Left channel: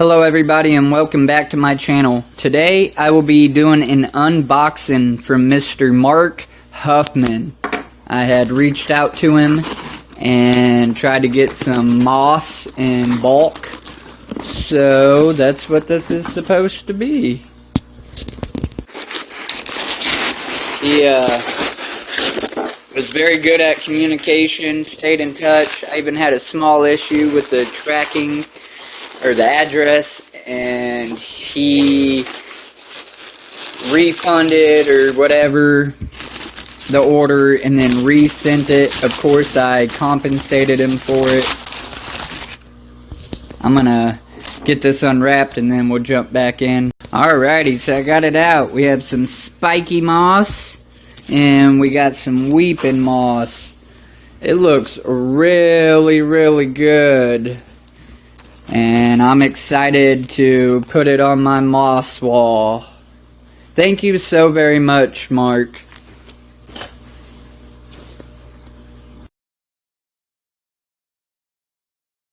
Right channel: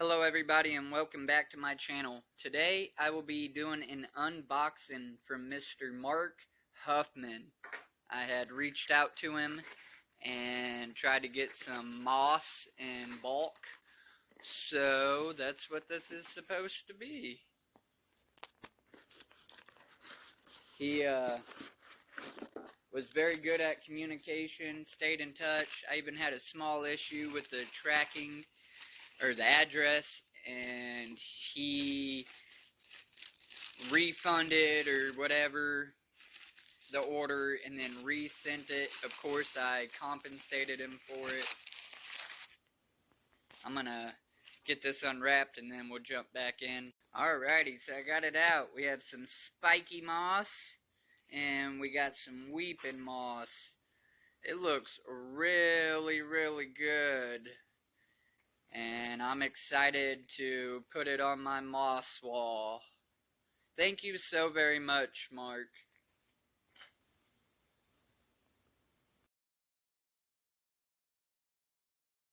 Hello everybody and welcome back to my channel. Today I will be doing an unboxing from Mr. Mark Huffman. I had reached out to him and tried to get some moss in bulk. So that's what this is supposed to be. He was very good at communication, stayed in touch. I even had a small issue with the tracking or the address, and he refunded or whatever the order and then resent it. Of course I compensated him for it. I'm gonna get this unwrapped and then we'll jump back in. Alrighty, so I got it out. We have some spiky moss and we got some weeping moss. It looks really good. And I'm excited to put it on my moss wall. Thank you so very much, Mark.